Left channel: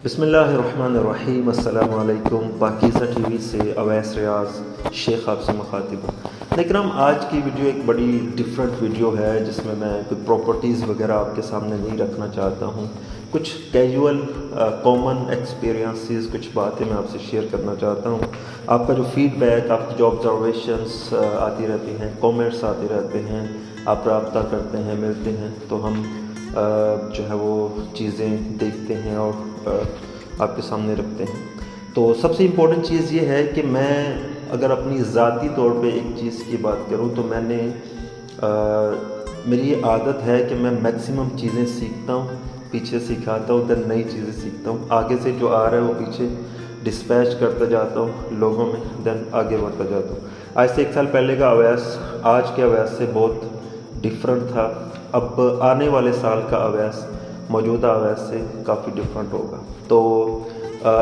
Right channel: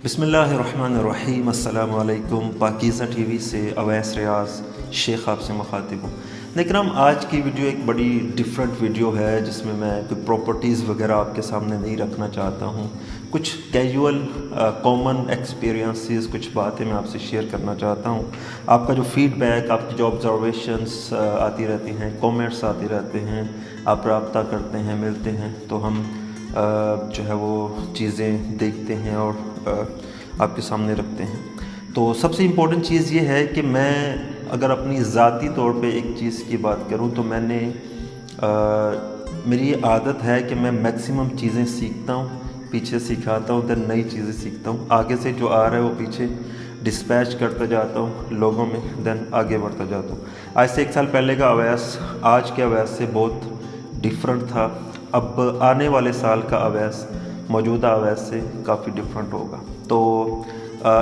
बिस्मिल्लाहिर्रहमानिर्रहीम। अस्सलाम वालेकुम। पाकीज़ा टीवी से अवैस रियाज शेख आपसे मुखातिब हूँ। लेकिन हम आज की वीडियो एक बड़ी डिफरेंट वीडियो है जिसमें मैं कोई प्रॉपर्टीज़ वगैरह आपके सामने नहीं रखना चाहता हूँ। कुछ कैजुअल कॉमन एक्सपीरियंसेस, कुछ बातें मैं आपसे शेयर करना चाहता हूँ। आपका जो फीडबैक, आपकी जो ऑब्जर्वेशंस आती रहती हैं, कमेंट्स आते रहते हैं, आप रब्ता करते हैं, मिलते हैं, तो हम जो है वो चीज़ें देखते हैं और आपके सामने रखते हैं। तो सबसे इम्पोर्टेंट चीज़ ये है कि मैं अगर अपनी ज़ाती तौर पे एक चीज़ की बात करूँ तो मेरी ये आदत है कि मैं मैक्सिमम चीज़ें सीखता हूँ, पीछे सिखाता हूँ, देन नई चीज़ें सीखता हूँ, आगे से जो आ रहा है वो पीछे डिस्पैच करता जाता हूँ लोगों में, देन आगे बढ़ता जाता हूँ। आज से 1 साल पहले का अवैस आज के अवैस से बहुत डिफरेंट था। अब आने वाले साल का अवैस मौजूदा अवैस से काफ़ी डिफरेंट होगा। तो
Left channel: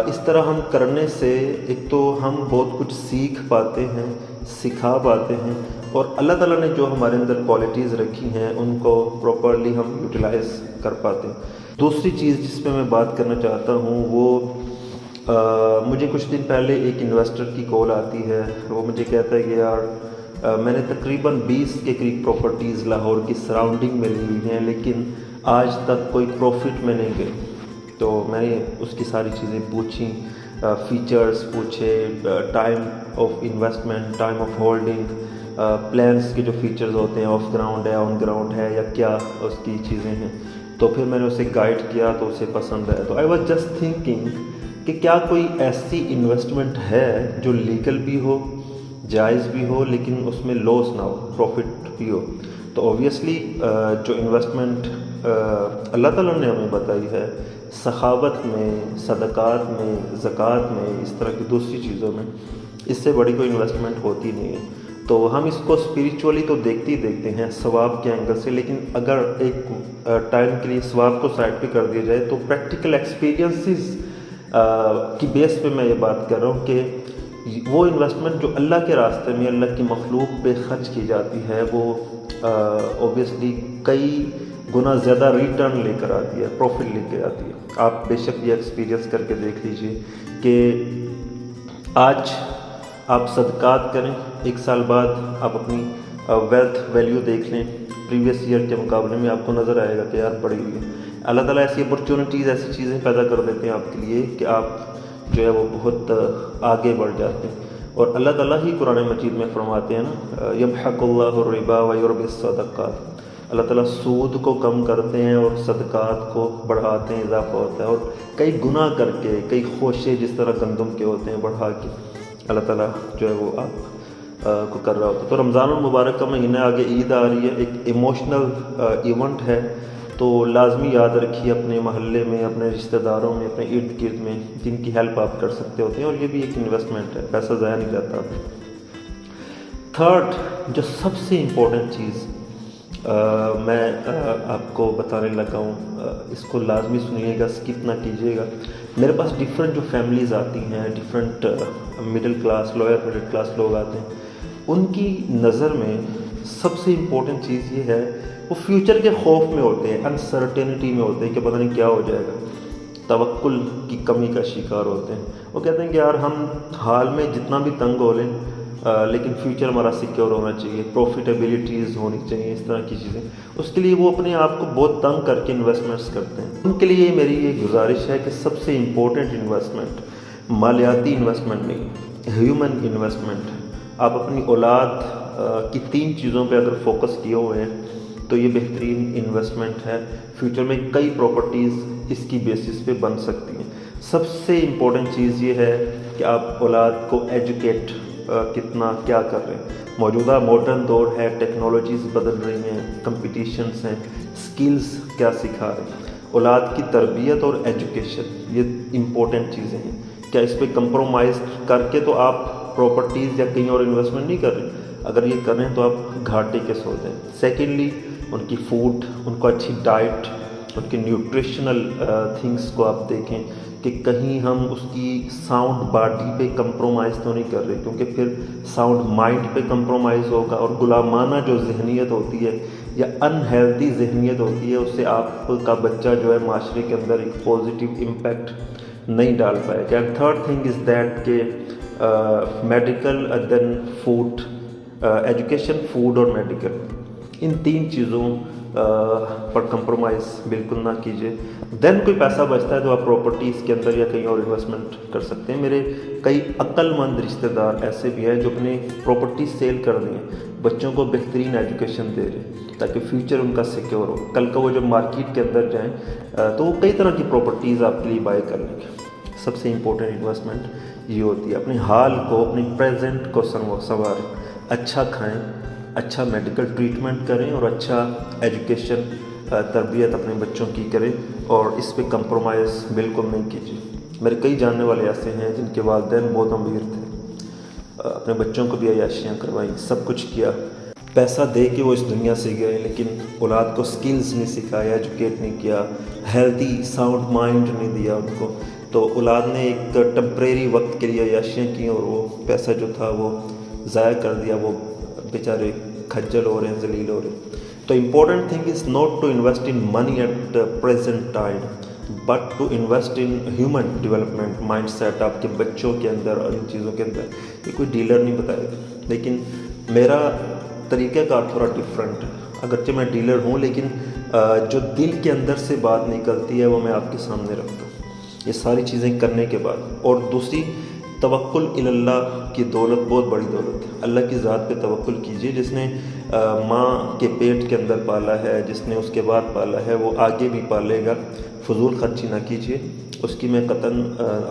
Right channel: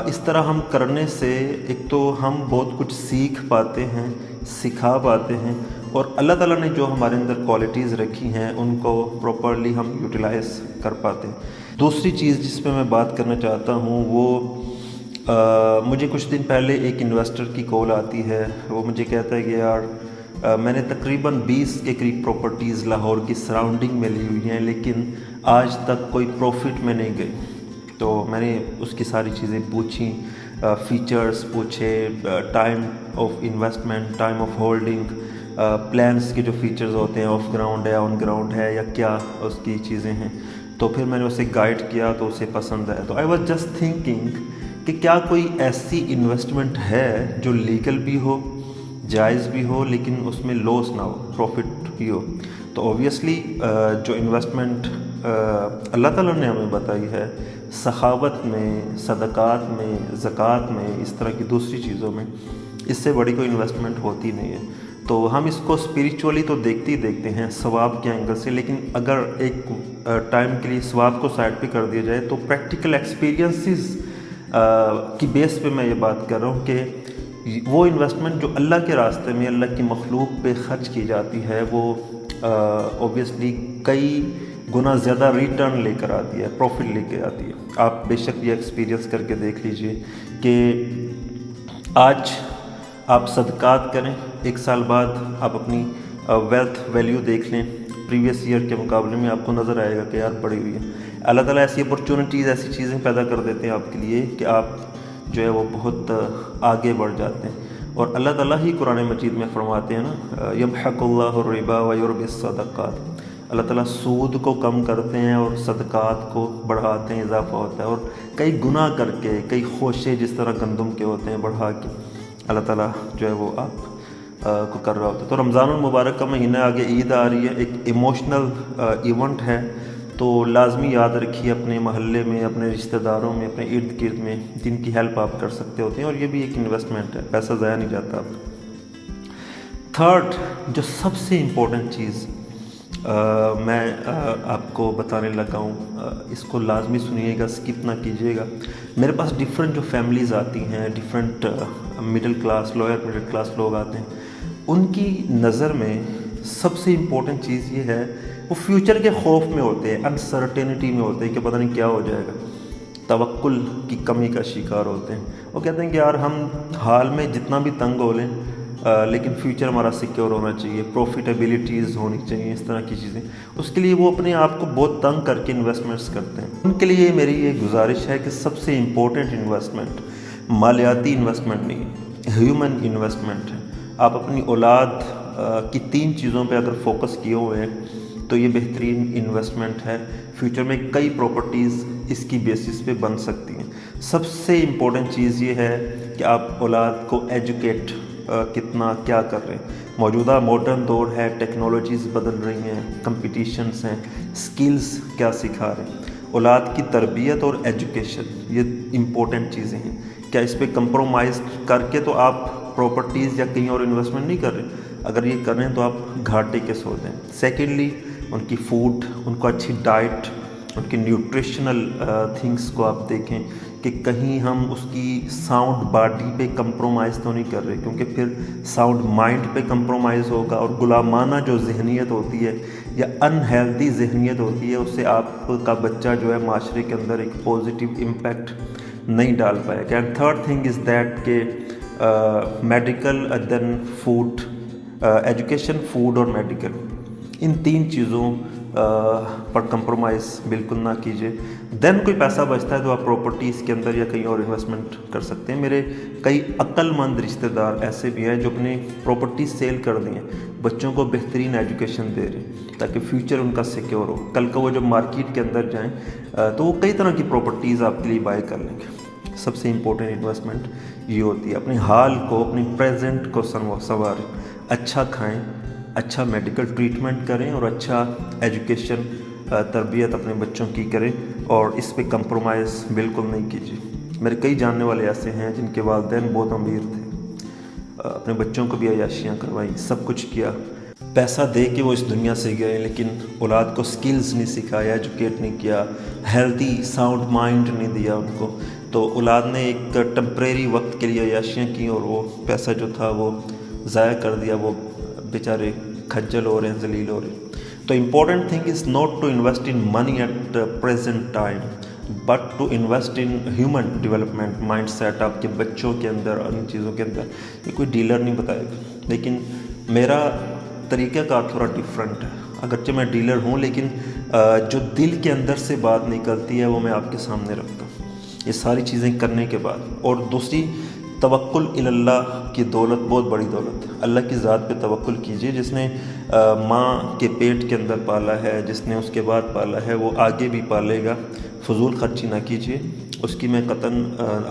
इस तरह हम करने से एक तो हम बहुत कुछ सीख पाते हैं, सिखा पाते हैं, और अल्लाह ताला ने जो हमारे अंदर क्वालिटीज़ रखी हैं उनको प्रॉपरली हम यूटिलाइज़ कर पाते हैं। दूसरी चीज़ जिस पे मैं बात करना चाहता हूँ वो मुझे कुछ दिन पहले एक इन्वेस्टर की कॉल आती है। वो मुझे कहता है कि यार मैंने तकरीबन 20 के करीब प्रॉपर्टीज़ लाहौर की सराउंडिंग में ली हुई हैं, लेकिन आज तक कोई प्रॉफिट में नहीं गई। तो मैंने उसकी सारी चीज़ें पूछी, फीचर्स पूछे, time of investment, time of holding, plans के जो फीचर्स होते हैं, ऑफ ग्राउंड है, ऑन ग्राउंड है, या क्या उसकी चीज़ें हैं। तो फिर मैंने उसे गाइड किया तो उसे पसंद आया। तो आई वॉज जस्ट थिंकिंग कि क्या कोई ऐसी इन्वेस्टमेंट है जो लीगल भी हो, जायज़ भी हो, लेकिन उसमें लॉस ना हो, प्रॉफिट भी हो। तो ऑब्वियसली जो इन्वेस्टमेंट अल्लाह ताला ने हमें बताई है, सखावत में, सदक़ात में, ज़कात में, इस तरह की दूसरी चीज़ों में, इससे बड़ी कोई इन्वेस्टमेंट होती नहीं है। तो हम इसको स्पिरिचुअली तो देखते ही देखते हैं सवाब के एंगल से, लेकिन अगर एक टाइम के लिए सवाब को साइड पे कर दिया जाए तो प्रैक्टिकल एक्सपीरियंसेस की बेस पे मैं ये बात कर रहा हूँ कि वो इन्वेस्टमेंट जो अल्लाह के रास्ते में, अल्लाह की मखलूक पे ख़र्च की जाती है, वो ऑब्वियसली कई गुना ज़्यादा रिटर्न लेकर आती है, प्रॉफिट लेकर आती है। आप बेशक ये एक्सपीरियंस करके देख लीजिए कि आज आप सदक़ात करें, 1 साल बाद आप अपनी वेल्थ वैल्यू देख लें, प्रीवियस ईयर के मुकाबले में आपको नज़र आएगा कि याद बढ़ी हुई है। अल्लाह ताला ऐसी अपॉर्चुनिटीज़, ऐसी चीज़ें पैदा कर देते हैं आपके लिए कि आप जो है वो बहुत आगे बढ़ जाते हैं। और अल्लाह ताला ही कुरान मजीद में फरमाते हैं ना, यमहकुल्लाहु रिबा व युर्बिस सदक़ात। अल्लाह ताला सूद को कम करते हैं और सदक़ात को बढ़ाते हैं, इजाफा होता है। और कई गुना करके, कई खोशे जिस तरह गंदम के होते हैं बढ़ा के अल्लाह ताला जो है वो आप को कर रहा होता है। तो रमज़ान मुबारक का महीना आगे, ईद आ रही है, एक इमोशनल इवेंट है। तो लाजमी याद रखिए अपने महल्ले में, अपने रिश्तेदारों में, अपने इर्द गिर्द में जिनकी हेल्प आप कर सकते होते हैं, और ये भी एक इन्वेस्टमेंट है, पैसा ज़ाया नहीं जाता। थर्ड जो सबसे इम्पोर्टेंट चीज़ मैं आपको बताने लगा हूँ, इसको लाजमी सुनिएगा, स्किप ना कीजिएगा। मेरे पास डिफरेंट जो फैमिलीज़ आती हैं, different middle class, lower middle class लोग आते हैं, उनकी नज़र में सबसे इम्पोर्टेंट चीज़ ये है, वो फ्यूचर के खौफ में होते हैं, अनसर्टेनिटी में होते हैं कि पता नहीं क्या हो जाएगा, तवक्कुल की कमी का शिकार होते हैं। वो कहते हैं कि यार हम हाल में जितना भी तंग हो लें, लेकिन फ्यूचर हमारा सिक्योर होना चाहिए, प्रॉफिटेबिलिटीज़ होनी चाहिए, इस तरह की चीज़ें। उसके लिए वो अपने आप को बहुत तंग करके इन्वेस्टमेंट्स करते हैं। उनके लिए मेरी ये गुजारिश है कि सबसे इम्पोर्टेंट इन्वेस्टमेंट मालियाती इन्वेस्टमेंट नहीं, ह्यूमन इन्वेस्टमेंट है। आप अपनी औलाद की 3 चीज़ों पे अगर फोकस किए हुए हैं तो ये बेहतरीन इन्वेस्टमेंट है। फ्यूचर में कई प्रॉपर्टीज़ इसकी बेसिस पे बन सकती हैं। सबसे इम्पोर्टेंट चीज़ ये है कि आप औलाद को एजुकेट कितना क्या कर रहे हैं। मौजूदा मॉडर्न दौर है, टेक्नोलॉजीज़ बदल रही हैं, कंपटीशंस हैं, स्किल्स क्या सिखा रहे हैं। औलाद की तरबियत और एजुकेशन ये इम्पोर्टेंट चीज़ें हैं। क्या इस पर कंप्रोमाइज़ करके तो आप प्रॉपर्टीज़ या कहीं और इन्वेस्टमेंट नहीं कर रहे? अगर ये कर रहे हैं तो आप घाटे के सौदे हैं। सेकेंडली उनकी फूड, उनको अच्छी डाइट, की न्यूट्रिशनल थिंग्स को आप देखें कि कहीं हम उसकी साउंड बॉडी पे कंप्रोमाइज़ तो नहीं कर रहे, क्योंकि फिर साउंड माइंड पे कंप्रोमाइज़ होगा और गुलामाना जो जहनीत होती है या अनहेल्दी जहनीत होती है उससे आपका बच्चा जो है माशरे के अंदर एक पॉजिटिव इम्पैक्ट नहीं डाल पाएगा। And third thing is that के medical then food, education, food और मेडिकल, इन तीन चीज़ों पर कंप्रोमाइज़ बिल्कुल ना कीजिए। देन कोई पैसा बचता है तो आप प्रॉपर्टीज़ के अंदर या कहीं और इन्वेस्टमेंट कर सकते हैं। मेरे कई अक्लमंद रिश्तेदार ऐसे भी हैं जो अपनी प्रॉपर्टी सेल कर दी हैं, बच्चों को बेहतरीन एजुकेशन दे रहे हैं ताकि फ्यूचर उनका सिक्योर हो। कल को वो जब मार्केट के अंदर जाएँ तो वो कई तरह की प्रॉपर्टीज़ आपके लिए बाय कर लेंगे। सबसे इम्पोर्टेंट इन्वेस्टमेंट ये होती है, अपने हाल को, अपने प्रेजेंट को संवारें, अच्छा खाएं, अच्छा मेडिकल ट्रीटमेंट करें और अच्छा एजुकेशन तरबियत अपने बच्चों की करें और इस पे कंप्रोमाइज़ बिल्कुल नहीं कीजिए। मेरे कई जानने वाले ऐसे हैं जिनके वालिदैन बहुत अमीर थे, अपने बच्चों को भी अयाशियाँ करवाई, सब कुछ किया, पैसा दे के वो इस दुनिया से गए, लेकिन औलाद को स्किल्स नहीं सिखाया, एजुकेट नहीं किया, हेल्दी साउंड माइंड नहीं दिया उनको, तो औलाद ने एक टेम्परेरी वक्त के लिए अयाशियाँ की और वो पैसा जो था वो ज़ाया कर दिया, वो बेचारे खज्जल हो रहे हैं, जलील हो रहे हैं। तो important thing is not to invest in money at present time but to invest in human development mind set आपके बच्चों के अंदर और इन चीज़ों के अंदर। ये कोई डीलर नहीं बताएगा, लेकिन मेरा तरीक़ाकार थोड़ा डिफरेंट है। अगरचे मैं डीलर हूँ, लेकिन जो दिल के अंदर से बात निकलती है वो मैं आपके सामने रखता हूँ, ये सारी चीज़ें करने के बाद। और दूसरी, तवक्कुल इल्लाह की दौलत बहुत बड़ी दौलत है। अल्लाह की ज़ात पे तवक्कुल कीजिए। जिसने माँ के पेट के अंदर पाला है, जिसने उसके बाद पाला है, वो आगे भी पालेगा। फजूल खर्ची ना कीजिए, उसकी मैं कतन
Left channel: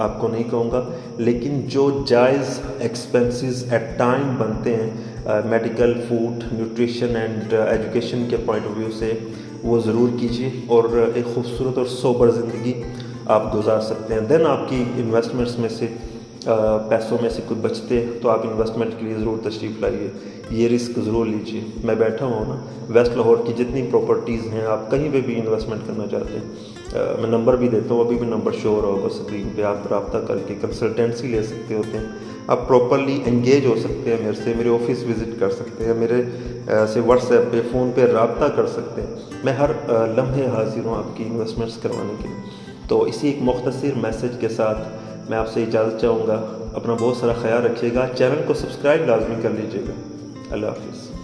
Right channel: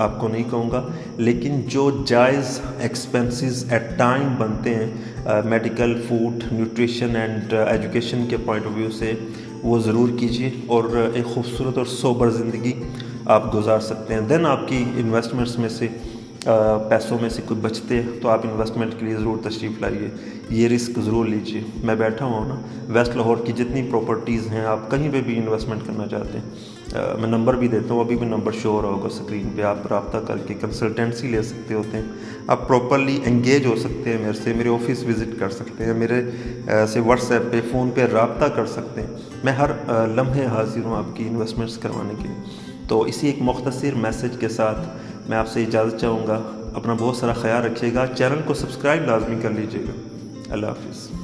आपको नहीं कहूँगा, लेकिन जो जायज़ एक्सपेंसेस एट टाइम बनते हैं medical, food, nutrition and education के पॉइंट ऑफ व्यू से, वो ज़रूर कीजिए और एक खूबसूरत और सोबर ज़िंदगी आप गुजार सकते हैं। देन आपकी इन्वेस्टमेंट्स में से पैसों में से कुछ बचते हैं तो आप इन्वेस्टमेंट के लिए ज़रूर तशरीफ़ लाइए, ये रिस्क ज़रूर लीजिए। मैं बैठा हुआ हूँ ना, वेस्ट लाहौर की जितनी प्रॉपर्टीज़ हैं, आप कहीं पे भी इन्वेस्टमेंट करना चाहते हैं, मैं नंबर भी देता हूँ, अभी भी नंबर शो हो रहा होगा स्क्रीन पे, आप रब्ता करके कंसल्टेंसी ले सकते होते हैं, आप प्रॉपरली एंगेज हो सकते हैं मेरे से, मेरे ऑफिस विज़िट कर सकते हैं, मेरे से व्हाट्सएप पे, फ़ोन पे रब्ता कर सकते हैं। मैं हर लम्हे हाजिर हूँ आपकी इन्वेस्टमेंट्स करवाने के लिए। तो इसी एक मुख्तसर मैसेज के साथ मैं आपसे इजाज़त चाहूँगा। अपना बहुत सारा ख्याल रखिएगा, चैनल को सब्सक्राइब लाजमी कर लीजिएगा। अल्लाह हाफ़िज़।